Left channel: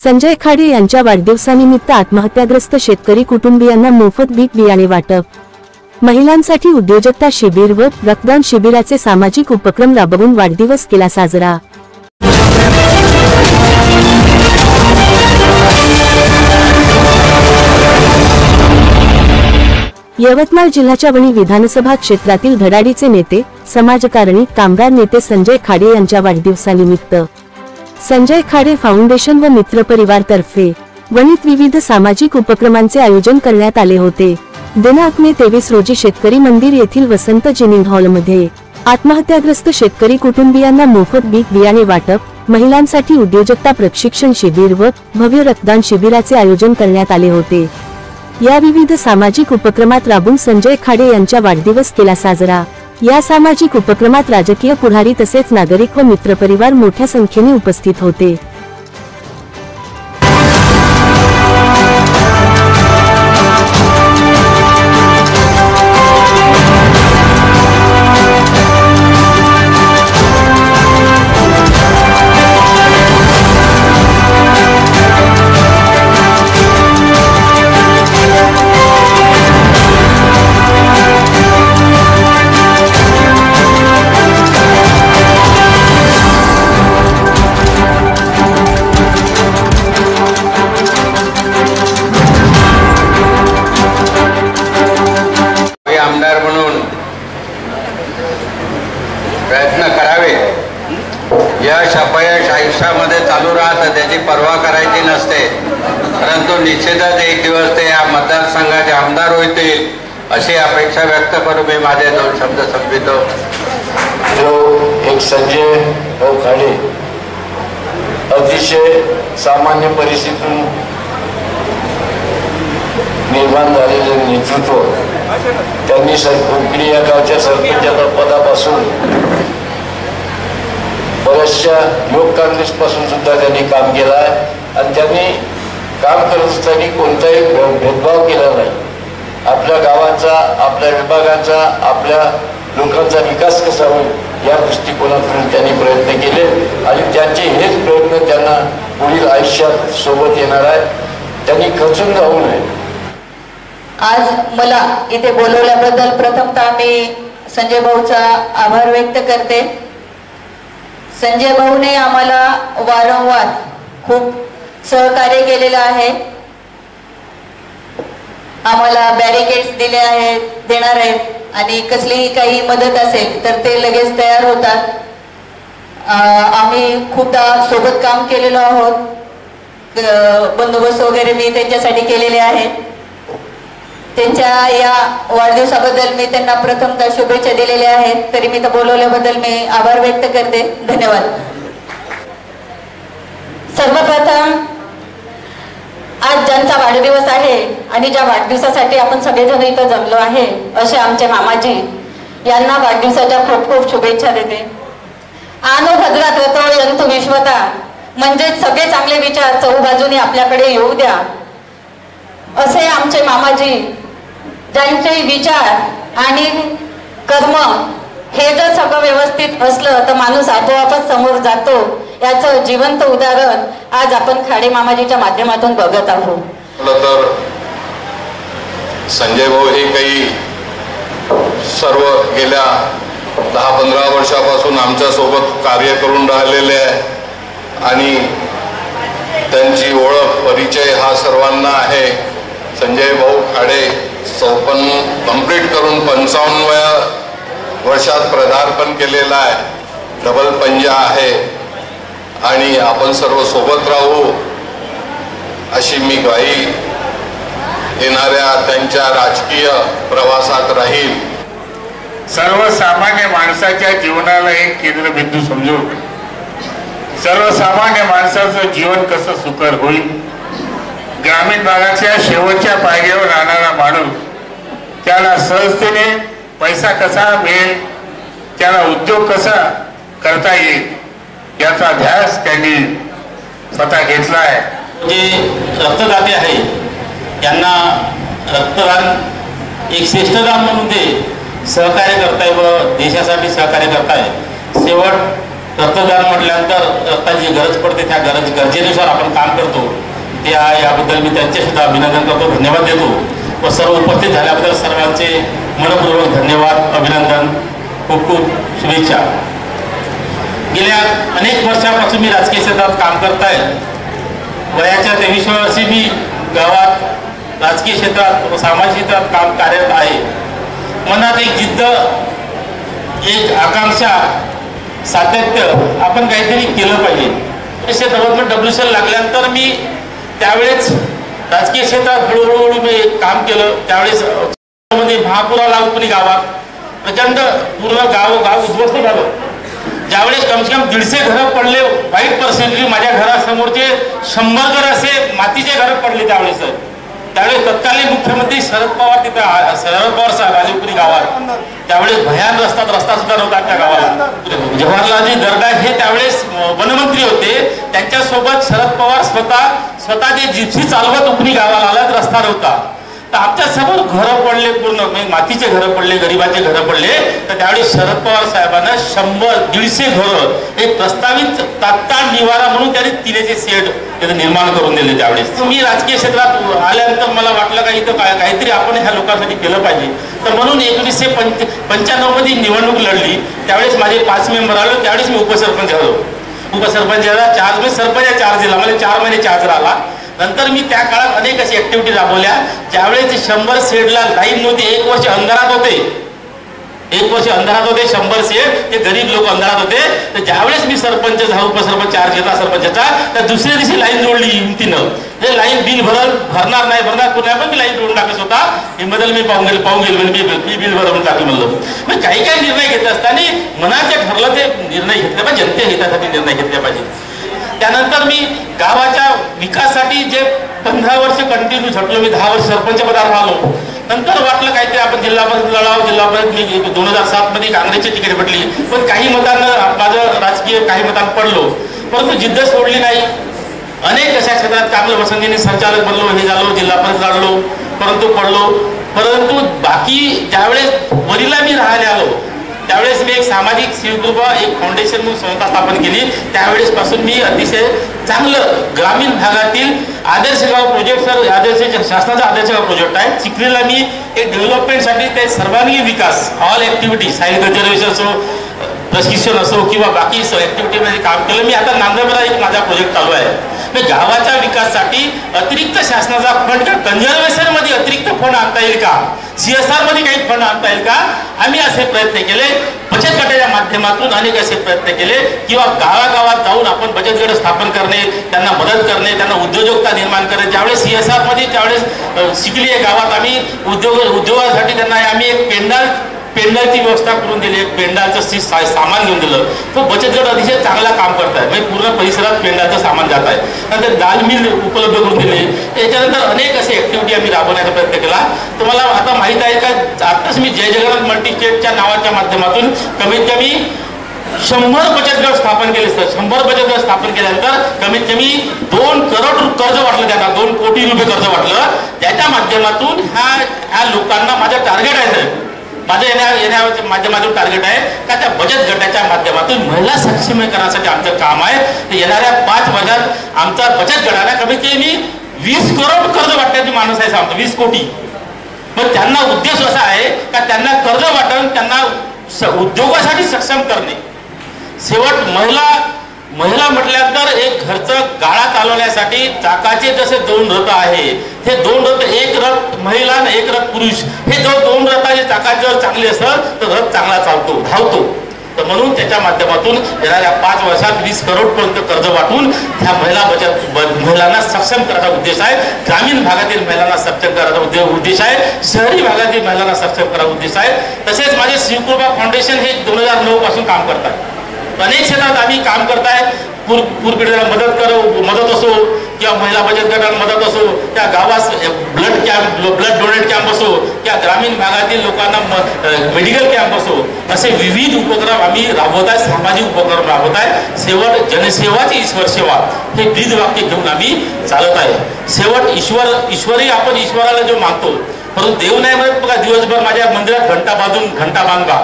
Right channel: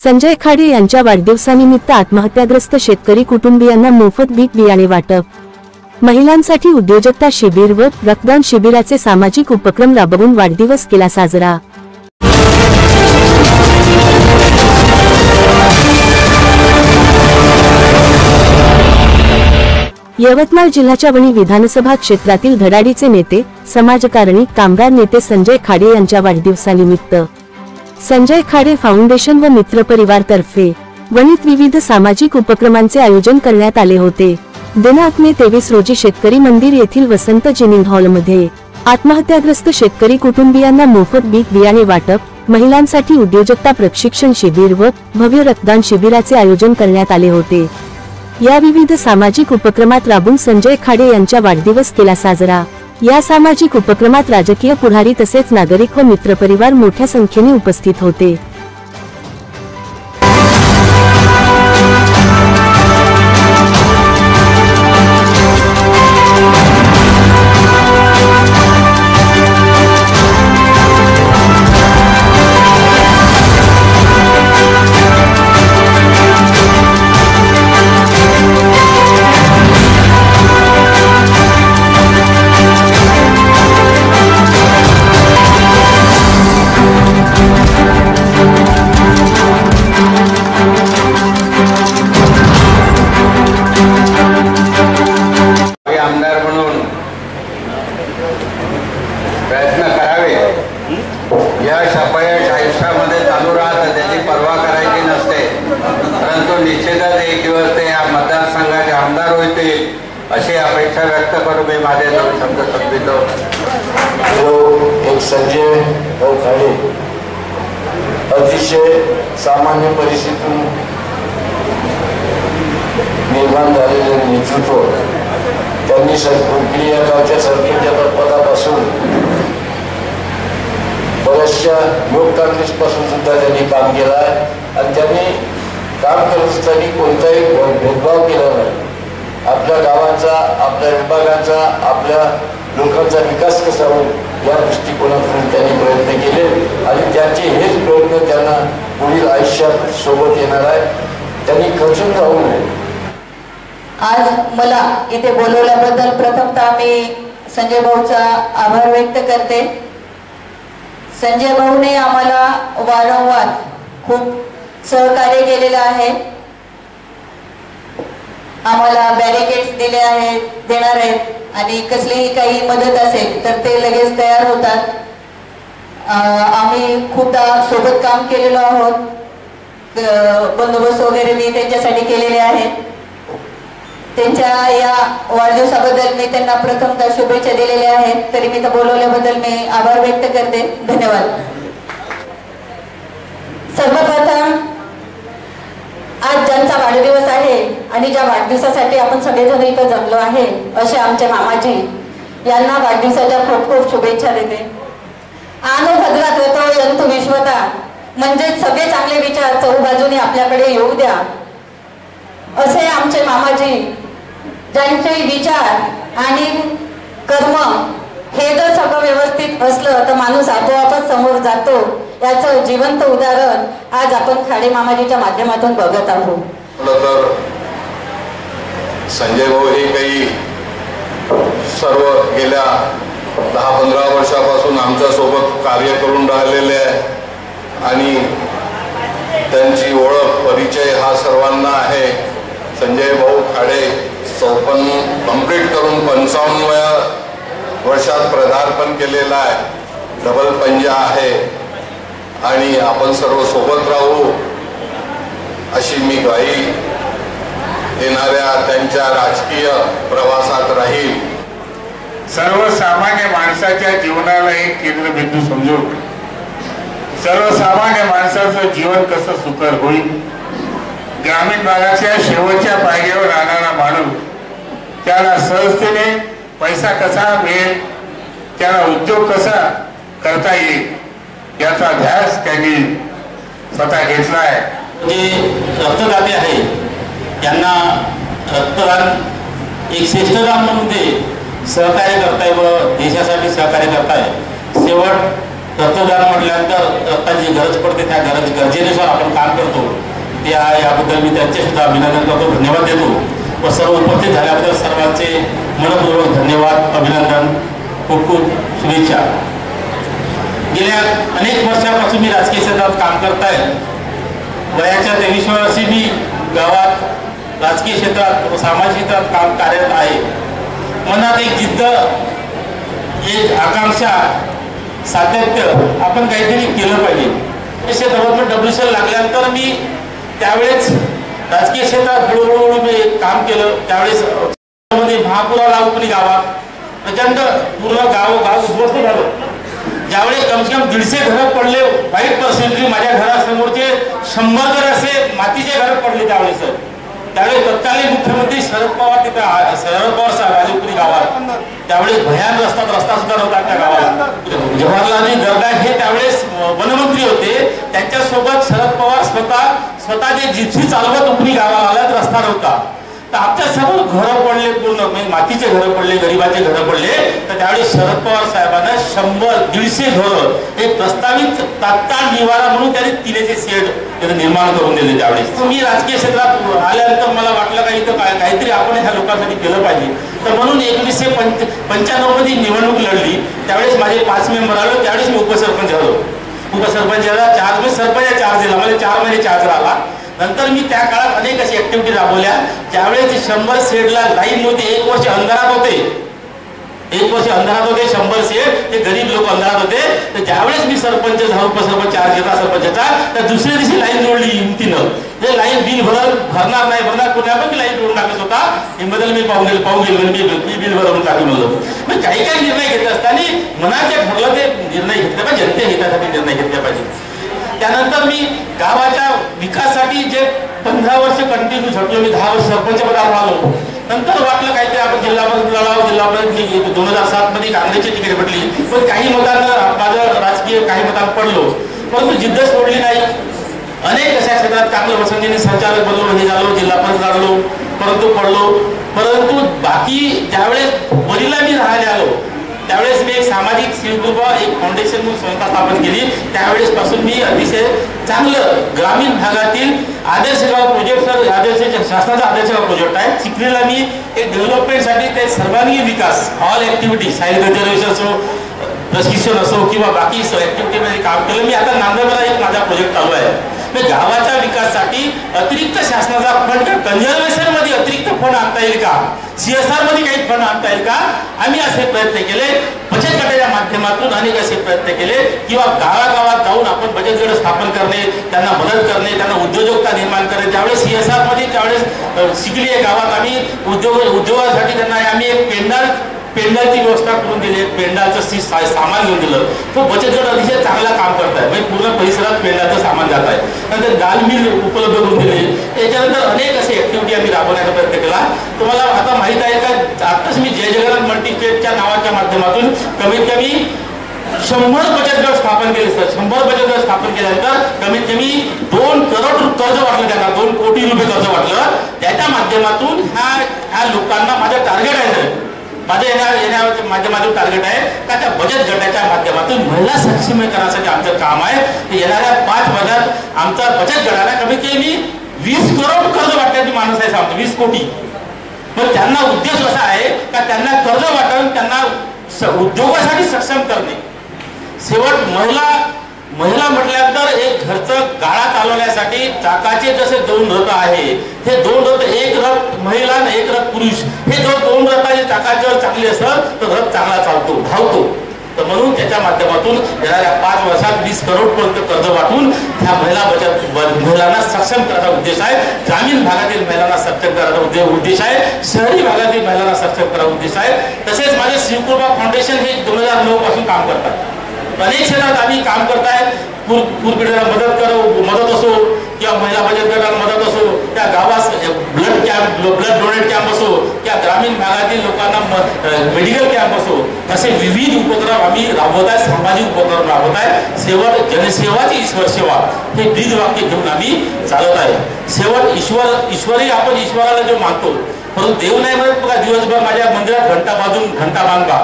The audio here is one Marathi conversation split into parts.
संजय खाडे यांच्या वाढदिवसानिमित्त आत्महत्याग्रस्त शेतकरी कुटुंबियांना मोफत बी बियाणे वाटप, महिलांसाठी उद्योजकता शिबिर व रक्तदान शिबिराचे सामाजिक उपक्रम राबवून वाढदिवस केला साजरा। यवतमाळ जिल्ह्याच्या वणी विधानसभा क्षेत्रातील धडाडीचे नेते, समाजकारणी, कामगार नेते संजय खाडे यांच्या वाढदिवसानिमित्त संजय खाडे फाउंडेशन व मित्र परिवार तर्फे वणीत विविध सामाजिक उपक्रमांचे आयोजन करण्यात आले होते। दिनांक मे 23 रोजी शेतकरी मंदिर येथील वसंत जिनिंग हॉलमध्ये आत्महत्याग्रस्त शेतकरी कुटुंबियांना मोफत बी बियाणे वाटप, महिलांसाठी उद्योजकता प्रशिक्षण शिबिर व भव्य रक्तदान शिबिराचे आयोजन करण्यात आले होते। या विविध सामाजिक उपक्रमात राबून संजय खाडे यांचा वाढदिवस केला साजरा। या सामाजिक उपक्रमात राजकीय पुढारी तसेच नागरिक व मित्रपरिवार मोठ्या संख्येने उपस्थित होते। आमदार म्हणून प्रयत्न करावे। यश अपयश आयुष्यामध्ये चालू राहतं, त्याची पर्वा करायची नसते, परंतु निश्चितच एक दिवस ते या मतदारसंघाचे आमदार होतील अशी अपेक्षा व्यक्त करू मी माझे दोन शब्द संपितो। जो एक संजय खाडे अतिशय सामान्य परिस्थितीतून निर्माण झालेले नेतृत्व, त्यांनी कोकणी या गावच्या सरपंचाच्या पदापासून बऱ्याचशा युवक काँग्रेसपासून सुद्धा त्यांनी काम केलं आहे आणि त्यांनी काम करत असताना कोणताही भेदभाव केला नाही। आपल्या गावाचा, आपल्या विभागाचा, आपल्या लोकांचा विकास कसा होईल या दृष्टिकोनातून त्यांनी प्रयत्न केले आणि त्यांचे हेच प्रयत्न त्यांना पुढील आयुष्यात सोबत येणार आहे। त्यांनी खचून जाऊ नये। आज मला इथे बोलवल्याबद्दल प्रथमतः मी संजय भाऊचा आभार व्यक्त करते। संजय भाऊने आम्हाला वारंवार खूप सहकार्य केलेलं आहे, आम्हाला बॅरिकेड्स दिले आहेत, देणार आहेत आणि कसलीही काही मदत असेल तर ते लगेच तयार होतात। आम्ही खूपदा सोबत काम केलेलो आहोत, बंदोबस्त वगैरे मी त्यांच्यासाठी केलेले आहेत। त्यांच्या या वाढदिवसाबद्दल मी त्यांना प्रथमतः शुभेच्छा दिलेल्या आहेत, तरी मी तर बोलवल्याबद्दल मी आभार व्यक्त करते। धन्यवाद। सर्वप्रथम आज ज्यांचा वाढदिवस आहे आणि ज्या वाढदिवसासाठी आपण सगळेजण इथं जमलो आहे असे आमचे मामाजी यांना वाढदिवसाच्या खूप खूप शुभेच्छा देते। आनो भद्रात रतो यंतु विश्वता, म्हणजे सगळे चांगले विचार चहूबाजूने आपल्याकडे येऊ द्या असे आमचे मामाजी, ज्यांचे विचार आणि कर्म हे जर सगळं व्यवस्थित असलं तर माणूस आपोआपच समोर जातो, याचं जिवंत उदाहरण आज आपण खाडे मामाजीच्या माध्यमातून बघत आहोत। तर संजय भाऊ हे काही सर्व गेल्या 10-15 वर्षापासून आमच्या सोबत कार्य करून राहिलेले आहे आणि त्यांची ओळख परिचय हा सर्वांना आहे। संजय भाऊ खाडे 54 कंप्लीट करून 55व्या वर्षात पदार्पण केलेला आहे, डबल पंजा आहे आणि आपण सर्व सोबत राहू अशी मी ग्वाही येणाऱ्या त्यांच्या राजकीय प्रवासात राहील। सर्वसामान्य माणसाच्या जीवनाला एक केंद्रबिंदू समजून सर्वसामान्य माणसाचं जीवन कसं सुकर होईल, ग्रामीण भागाच्या शेवटच्या पायरीवर राहणारा माणूस त्याला सहजतेने पैसा कसा मिळेल, त्याला उद्योग कसा करता येईल याचा ध्यास त्यांनी स्वतः घेतला आहे। जे रक्तदाते आहे त्यांना रक्तदान एक श्रेष्ठदान म्हणून ते सहकार्य करताय व देशासाठी सहकार्य करताय। शेवट रक्तदान म्हटल्यानंतर रक्ताची गरज पडते, त्या गरजेनुसार आपण काम करतो। हे आहे, याबद्दल मी त्यांचे सुद्धा अभिनंदन करतो, धन्यवाद देतो व सर्व उपस्थित झाल्याबद्दल सर्वांचे मनपूर्वक धन्यवाद, अभिनंदन, खूप खूप शुभेच्छा. गेल्या अनेक वर्षापासून मी राजकीय क्षेत्रात काम करत आहे. वयाच्या 23व्या वर्षी मी गावात राजकीय क्षेत्रात व सामाजिक क्षेत्रात काम कार्यरत आहे. मनात एक जिद्द, एक आकांक्षा, सातत्य, आपण काहीतरी केलं पाहिजे. 1990 WCL लागल्यानंतर मी त्यावेळेस राजकीय क्षेत्रात हळूहळू मी काम केलं. त्यावेळेस महापुराला उपनी गावात प्रचंड पूर्ण गाव उद्ध्वस्त झालं. ज्यावेळेस कमसे कम 150 घरं पडले, वाईट परिस्थिती. माझ्या घरासमोरचे 100 घर असे मातीचे घरं पडले त्यावेळेस. त्यावेळेस तत्कालीन मुख्यमंत्री शरद पवार तिथं, शरद पवार साहेब आले उपरी गावात. त्यावेळेस भयान रस्ता सुद्धा नव्हता त्या गावाला. जवाहरलालजी दर्डा हे त्यावेळेस वनमंत्री होते. त्यांच्यासोबत शरद पवार स्वतः जे जिप्सी चालवत उपरी गावाला आला, रस्ता नव्हता. तर आमच्या समोर घरं पडले, पूर्ण मातीचे घरं पडले, गरिबाचे घरं पडले. तर त्यावेळेस शरद पवार साहेबांना 100-150 घरं एक प्रस्तावित तात्काळ निवारा म्हणून त्यांनी तिनेचे शेड निर्माण करून दिले. त्यावेळेस मी राजकीय क्षेत्रात आल्यानंतर मला वाटलं का इथं काहीतरी आपण ह्या लोकांसाठी केलं पाहिजे. तर म्हणून 1995 मध्ये निवडणूक लढली. त्यावेळेस माझे 5 मेंबर आलो. त्यावेळेस मी उपसरपंच झालो. उपसरपंचाला चार्ज, मी सरपंच चार्ज दिला. मला 4 महिने चार्ज राहिला. नंतर मी त्या काळात अनेक अशी ऍक्टिव्हिटी राबवल्या. ज्यावेळेस 100 शेडला लाईन नव्हती, 1 वर्ष अंधारात होते. 100 शेड, ते गरीब लोक अंधारात होते. तर ज्यावेळेस मी सरपंच झालो, उपसरपंच चार्ज घेतला सरपंचाचा, तर दुसऱ्या दिवशी लाईन जोडली हिमतीनं. ते लाईन बिल भरणार नाही पुन्हा पण मी लाईन जोडून टाकत होता. हे बदल मी पाहून गेलो मी बिल भरून टाकलं म्हणलं. मग काही निर्णय घेत असताना मनात जे ठरलं ते निर्णय घेतले पाहिजे, जनते हितासाठी निर्णय घेतले पाहिजे. त्यानंतर मी गावाच्या विकासासाठी जे 15 वर्ष कंटिन्यू झटलो. मी 10 वर्ष सरपंच पदावर राहिलो. नंतर वाटलं काहीतरी आपण जिल्हा परिषद लढावं. जिल्हा परिषद मी 2007 मध्ये काँग्रेसची तिकीट भेटली, पण काही मतांना माझं राजकीय काही मतांना पडलो, परंतु जिद्द सोडली नाही. अनेक अशा क्षेत्रात चांगलं पसंतीने संचालक बनलो, हे झालो, जिल्हा परिषद लढलो, परंतु बाकी ज्यावेळेस वरीला मी राहायला आलो, त्यावेळेस मी एक सामाजिक शिवकृपा एक फाउंडेशन म्हणून संस्था स्थापन केली. त्यावेळेस पासून मी अतिशय चांगलं ग्रामीण भागातील आदर्श गाव प्रोजेक्ट, शासनाचा आदर्श गाव प्रोजेक्ट आहे. चिखलीला मी एक डेव्हलपमेंटसाठी ते सर्वांगीण विकास, ऑल ऍक्टिव्हिटी, साईल कन्झर्वेशन असो, प्रशिक्षण असो किंवा बाकी ऍक्टिव्हिटीमध्ये काम केलं. मी आता नांदेडला एक माझा प्रोजेक्ट चालू आहे. गावाच्या विकासासाठी अतिरिक्त शासनाचा फंड, कन्झर्वेशन मध्ये अतिरिक्त फंड आणता येईल का, CSR मध्ये काही फंड आणता येईल का, आम्ही असे प्रयत्न केले. बचत गटाच्या माध्यमातून अनेक असे प्रयत्न केले किंवा गावागावात जाऊन आपण बचत गट स्थापन करणे, त्यांना मदत करणे, त्यांना उद्योजकता निर्माण करणे. ज्यावेळेस CSR मध्ये त्यावेळेस शिकली आहे गावात आम्ही उद्योगासाठी त्यांना आम्ही एक पेंडालची व्यवस्था करून दिली. पेंडालचं सामान घेऊन दिलं. तो बचत गट अतिशय चांगला काम करत आहे. म्हणजे पूर्ण परिसरात पेंडाचं सामान जात आहे. नंतर दाल मिल उपलब्ध करून दिले. त्याच्यानंतर अनेक असे ऍक्टिव्हिटी आम्ही राबवण्याचा प्रयत्न केला. तुम्हाला आता माहित आहे का, आताच मी जय जगन्नाथ मल्टीस्टेटच्या नावाच्या माध्यमातून कमीत कमी 100 बचत गट स्थापन केले. सर 100 बचत गट स्थापन केल्यानंतर कमीत कमी 2 करोड कर्ज वाटलं त्यांना, 2 कोटी रुपये कर्ज वाटलं. त्याच्या माध्यमातून ह्या लोकांना माझं टार्गेट आहे. सर माझं येण्याच्या माध्यमातून टार्गेट आहे का त्या बचत गटाच्या माध्यमातून महिला सक्षमीकरणासाठी आमचं काम आहे. येणाऱ्या 5 वर्षात आमचा बचत गटाला कमीत कमी 20 करोड कर्ज वाटण्याची माणूस आहे. आमचं 20 कोटी. पण त्यांना उद्देश असा आहे का त्यांना कर्ज वाटून त्यांना उद्योगासाठी सक्षम करणे. शेवट महिला म्हटल्यानंतर एक घरचं गाळा चालवण्यासाठी चाकाचे जसे 2 रथ आहे, ते 2 रथ, एक रथ महिला आणि एक रथ पुरुष, हे 2 रथाचे चाकाचे जर चांगले असतात तर रथ चांगला चालतो, धावतो. तर म्हणून त्याच्या माध्यमातून येणाऱ्या 5 वर्षात 20 करोड पर्यंत कर्ज वाटून त्या महिलांना सक्षम करायचा उद्देश आहे. ग्रामीण भागातील महिलांना सक्षम करायचा उद्देश आहे. शहरी भागातील महिलांना सक्षम करायचा उद्देश आहे. तसेच माझे शिवकृपा फाउंडेशन हे 2009 पासून काम करतात. अनेक क्षेत्रात आम्ही काम करताय. पूरपीडितांना मदत असो किंवा महिला बचत गटांना मदत असो, त्या गावात ब्लड डोनेट कॅम्प असो किंवा ग्रामीण भागातील लोकांना मेडिकल कॅम्प असो, असे विविध उपक्रम आम्ही राबवत आहे. सामाजिक उपक्रम राबवत आहे. शेवट जनसेवाची ईश्वर सेवा हे ब्रीद वाक्य घेऊन आम्ही चालत आहे. शेवट ईश्वरही आपण ईश्वराला जो मानतो, परंतु देव नाही म्हणत बघा दिवसभर माझ्या मंदिरात घंटा बांधून घंटा बांधा,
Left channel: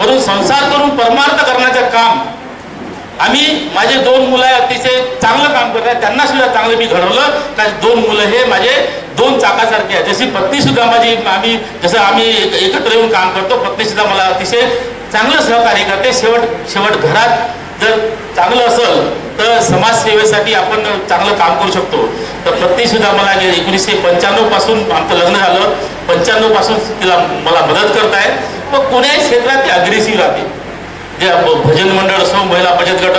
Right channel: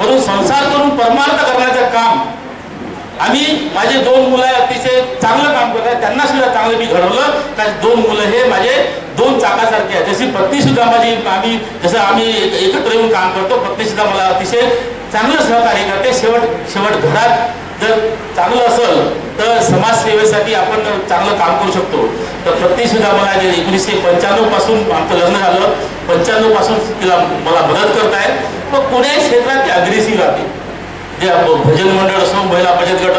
परंतु संसार करून परमार्थ करण्याचं काम आम्ही माझे 2 मुलं अतिशय चांगलं काम करतात, त्यांना सुद्धा चांगलं मी घडवलं. कारण 2 मुलं हे माझे 2 चाकासारखे आहेत. जशी पत्नी सुद्धा माझी, आम्ही एकत्र येऊन काम करतो, पत्नी सुद्धा मला अतिशय चांगलं सहकार्य करते. शेवट घरात जर चांगलं असेल तर समाजसेवेसाठी आपण चांगलं काम करू शकतो. तर पत्नी सुद्धा मला 1995 पासून आमचं लग्न झालं, 95 पासून तिला मला मदत करताय. मग कोण्याही क्षेत्रात ती अग्रेसिव्ह राहते. जे भजन मंडळ असो, महिला बचत गट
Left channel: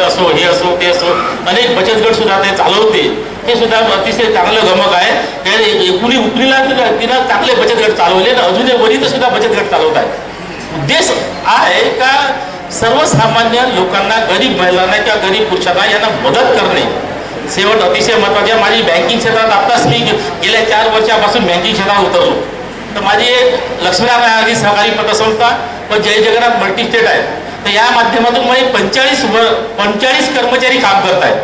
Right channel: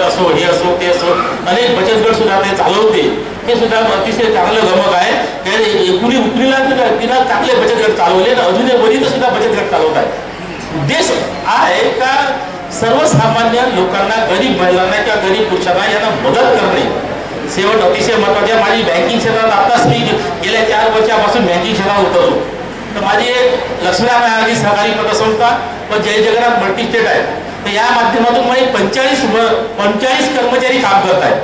असो, हे असो ते असो, अनेक बचत गट सुद्धा ते चालवते. हे सुद्धा अतिशय चांगलं गमक आहे. उपरीला तिनं चांगले बचत गट चालवले आणि अजूनही वरीत सुद्धा बचत गट चालवत आहे. उद्देश आहे का सर्वसामान्य लोकांना, गरीब महिलांना किंवा गरीब पुरुषांना यांना मदत करणे. शेवट अतिशय महत्त्वाचे. माझी बँकिंग क्षेत्रात आताच मी गेल्या 4 वर्षापासून बँकिंग क्षेत्रात उतरलो. तर माझी एक लक्ष्मीनारायण सहकारी पतसंस्था व जय जगन्नाथ मल्टीस्टेट आहे. तर या माध्यमातून माझे 45 कर्मचारी काम करत आहेत.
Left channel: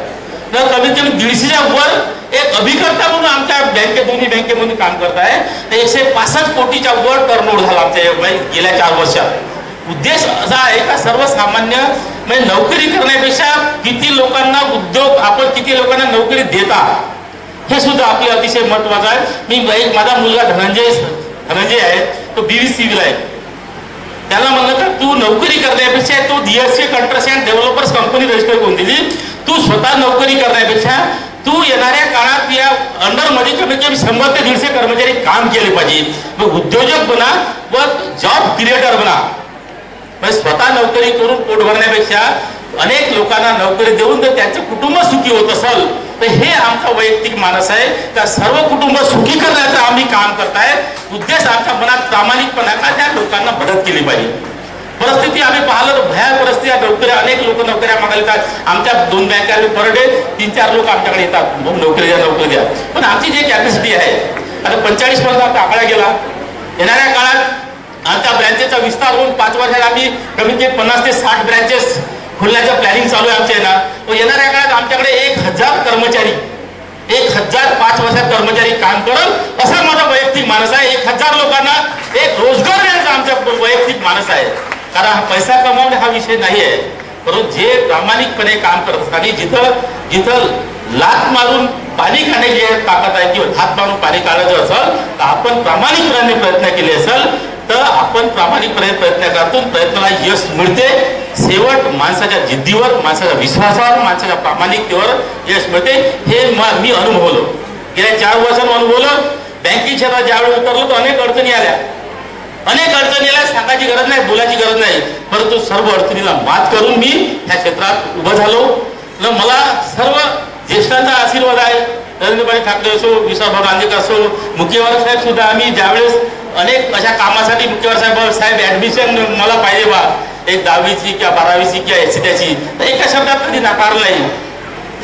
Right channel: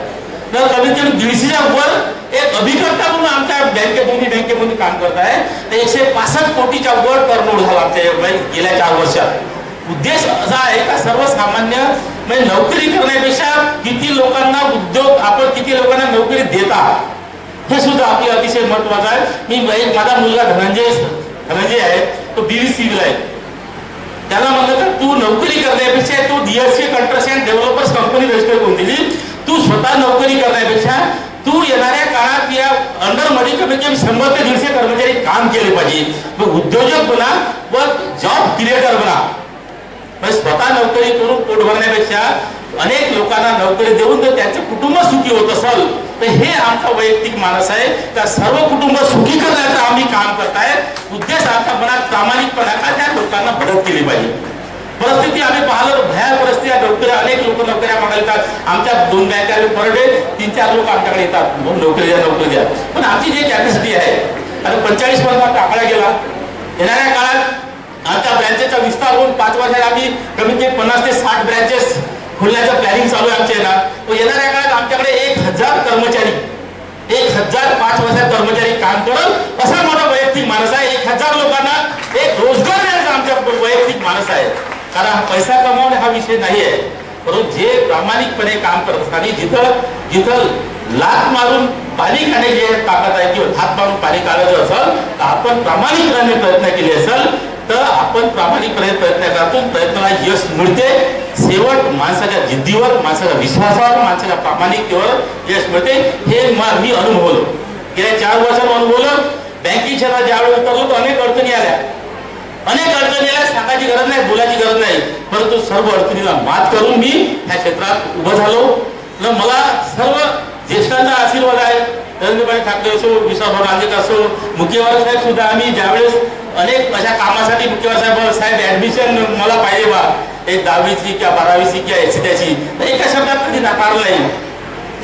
तर कमीत कमी 150च्या वर एक अभिकर्ता म्हणून आमच्या दोन्ही बँकेमधून काम करत आहे. तर 165 कोटीच्या वर टर्नओव्हर झाला आमच्या गेल्या 4 वर्षात. उद्देश असा आहे का सर्वसामान्य म्हणजे नोकरी करण्यापेक्षा किती लोकांना उद्योग, आपण किती लोकांना नोकरी देता, हे सुद्धा आपले अतिशय महत्वाचं आहे. मी माझा मुलगा धनंजय आहे, तो BVCला आहे. त्याला म्हणलं तर तू नोकरी करण्यापेक्षा तू DSC construction developers company register करून दिली. तू स्वतः नोकरी करण्यापेक्षा तू येणाऱ्या काळात या अंडरमध्ये कमीत कमी 100 ते 150 कर्मचारी काम केले पाहिजे. मग उद्योजक बना व जॉब क्रिएटर बना. स्वतः नोकरी करून पोट भरण्यापेक्षा अनेक लोकांना नोकरी देऊन जर त्यांचं कुटुंब सुखी होत असेल तर हे आमचा वैयक्तिक मानस आहे. त्या सर्व कुटुंब सुखी करण्याचं आम्ही काम करताय. उद्देश आमच्या मनात प्रामाणिकपणा का त्या लोकांना मदत केली पाहिजे. परिस्थिती आम्ही पाहिलं तर भयान परिस्थिती आहे. नोकऱ्या अनेक लोक नोकऱ्या मागायला येतात. आमच्या 2 बँका पर डे 3-4 लोक आमच्याकडे येतात, नोकरी द्या. पण आमची जी कॅपॅसिटी आहे आता 45 पर्यंत आता आकडा गेला. येणाऱ्या काळात आमच्या ब्रँचेसचा विस्तार होऊन 5 वर्षात आम्ही कमीत कमी 50 ते 60 ब्रँचेस खोलण्याचं प्लॅनिंग चालू आहे आमच्या येणार. येणाऱ्या काळात आमच्याकडे 1000 कर्मचारी 5 वर्षात कर्मचारी काम करल असा माझा वैयक्तिक मानस आहे. 1000 लोकांना एक रोजगार देण्याचा आमचा वैयक्तिक मानस आहे. कारण हा पैसा कमावणे हा विषय नाही आहे, परंतु जे प्रामाणिकपणे काम करत असतात आणि जिथं लात मारून पाणी काढण्याची ताकद आहे किंवा हात मारून पाणी काढायचं असेल तर आपण प्रामाणिकपणे प्रयत्न केले असेल तर आपण प्रामाणिकपणे प्रयत्न करतो, प्रयत्नाला यश मिळते. शेवट माणसाच्या जिद्दीवर, माणसाच्या विश्वासावर, माणसाच्या प्रामाणिकतेवर यश मिळते. हे मी अनुभवलं, गेल्या 4 वर्षांनी अनुभवलं. बँकिंग क्षेत्रात ज्यावेळी उतरलो तर अनेक अडचणी आल्या, सांगायची गरज नाही, बोलायची गरज नाही. परंतु सर्व अडचणीला मात करून मी ह्या क्षेत्रात उभं झालो. मला सर्व ज्येष्ठांचा आशीर्वाद आहे. नरेंद्रभाई ठाकरे असो, विश्वासभाऊ रांदेकर असो, मुख्यवार साहेब सुद्धा. आम्ही ज्यावेळेस अनेक अशा कामासाठी मुख्यवार साहेब ऍडमिशन मला पाहिजे बा, एक 10वीची किंवा 12वीची किंवा त्याची, तर एका शब्दात कधी नाकारलं नाही.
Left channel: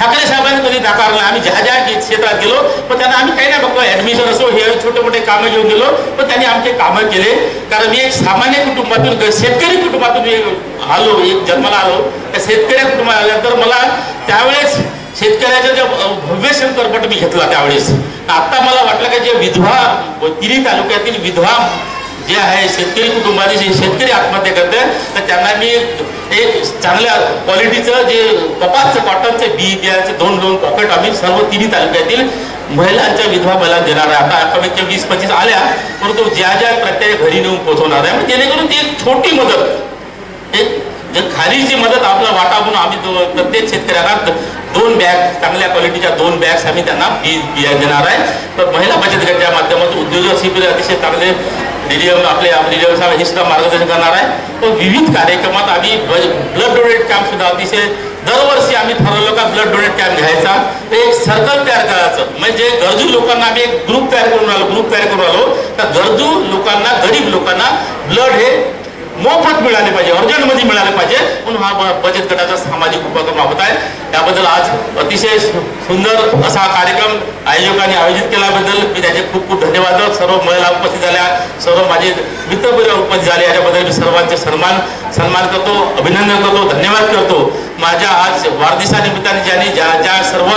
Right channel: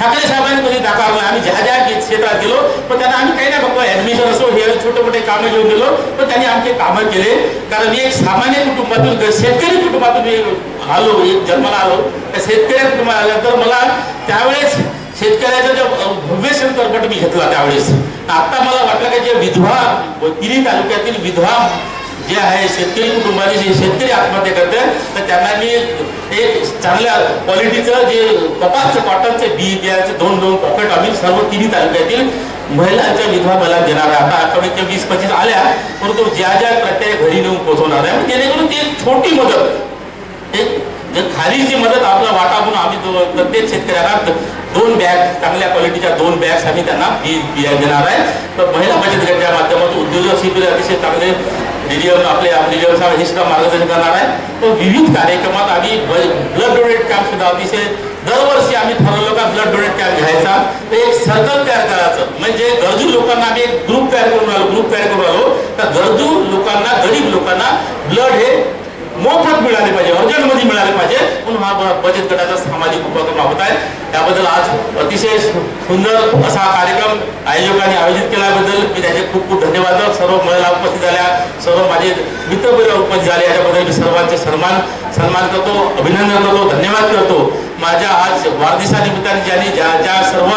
ठाकरे साहेबांनी कधी नाकारलं. आम्ही ज्या क्षेत्रात गेलो पण त्यांना आम्ही काही नाही बघतो, ऍडमिशन असो हे छोटे मोठे कामं घेऊन गेलो पण त्यांनी आमचे कामं केले. कारण मी एक सामान्य कुटुंबातून, शेतकरी कुटुंबातून आलो, एक जन्माला आलो. त्या शेतकरी कुटुंबात आल्यानंतर मला त्यावेळेस शेतकऱ्याचा जो भव्य शंकरपट मी घेतला त्यावेळेस. आता मला वाटलं की जे विधवा, तिन्ही तालुक्यातील विधवा जे आहे शेतकरी कुटुंबाचे जे शेतकरी आत्महत्या करतात तर त्यांना मी एक चांगल्या क्वालिटीचं जे कपासचं कॉटनचे बी बियाचं 2 पॉकेट आम्ही सर्व तिन्ही तालुक्यातील महिलांच्या विधवा मला देणार आहे. आता कमीत कमी 20-25 आल्या, परंतु ज्या प्रत्येक घरी नेऊन पोहोचवणार आहे. मग जेणेकरून ती एक छोटी मदत, एक खारीची मदत आपला वाटा म्हणून आम्ही प्रत्येक शेतकऱ्याला 2 बॅग, चांगल्या क्वालिटीच्या 2 बॅग्स आम्ही त्यांना बिया देणार आहे. तर महिला बचत गटाच्या माध्यमातून उद्योजक शिबिर अतिशय चांगले आपले हे सुद्धा मार्गदर्शन करणार आहे. तर विविध कार्यक्रमात आम्ही ब्लड डोनेट कॅम्प सुद्धा अतिशय दरवर्षी आम्ही ठरवलं का ब्लड डोनेट कॅम्प घ्यायचा. तर एक सर्कल तयार करायचं, म्हणजे गरजू लोकांना आम्ही एक ग्रुप तयार करून आलो. तर गरजू लोकांना, गरीब लोकांना ब्लड हे मोफत मिळाले पाहिजे, अर्जंटमध्ये मिळाले पाहिजे, म्हणून हा बचत गटाचा सामाजिक उपक्रम राबवत आहे. त्याबद्दल आज अतिशय सुंदर असा कार्यक्रम आयोजकांनी आयोजित केल्याबद्दल मी त्याचे खूप खूप धन्यवाद. सर्व महिला उपस्थित झाल्या, सर्व माझे मित्रपरिवार उपस्थित झाले, याच्याबद्दल मी सर्वांचे सन्मान करतो, अभिनंदन करतो, धन्यवाद करतो. माझ्या आज वाढदिवसानिमित्ताने ज्यांनी ज्या सर्व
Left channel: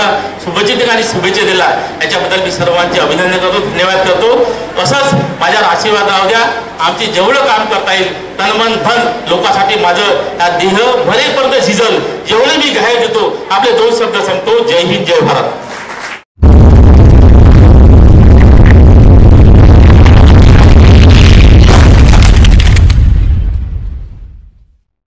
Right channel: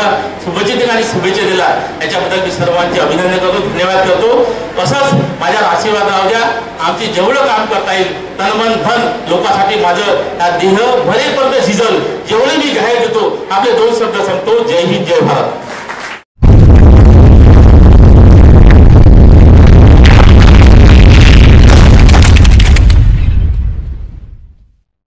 शुभचिंतकांनी शुभेच्छा दिल्या याच्याबद्दल मी सर्वांचे अभिनंदन करतो, धन्यवाद करतो। असंच माझ्यावर आशीर्वाद राहू द्या, आमचे जेवढं काम करता येईल तन मन धन लोकांसाठी माझं या देह भरेपर्यंत झिजल, जेवढे मी घाय देतो। आपले 2 शब्द सांगतो, जय हिंद, जय भारत।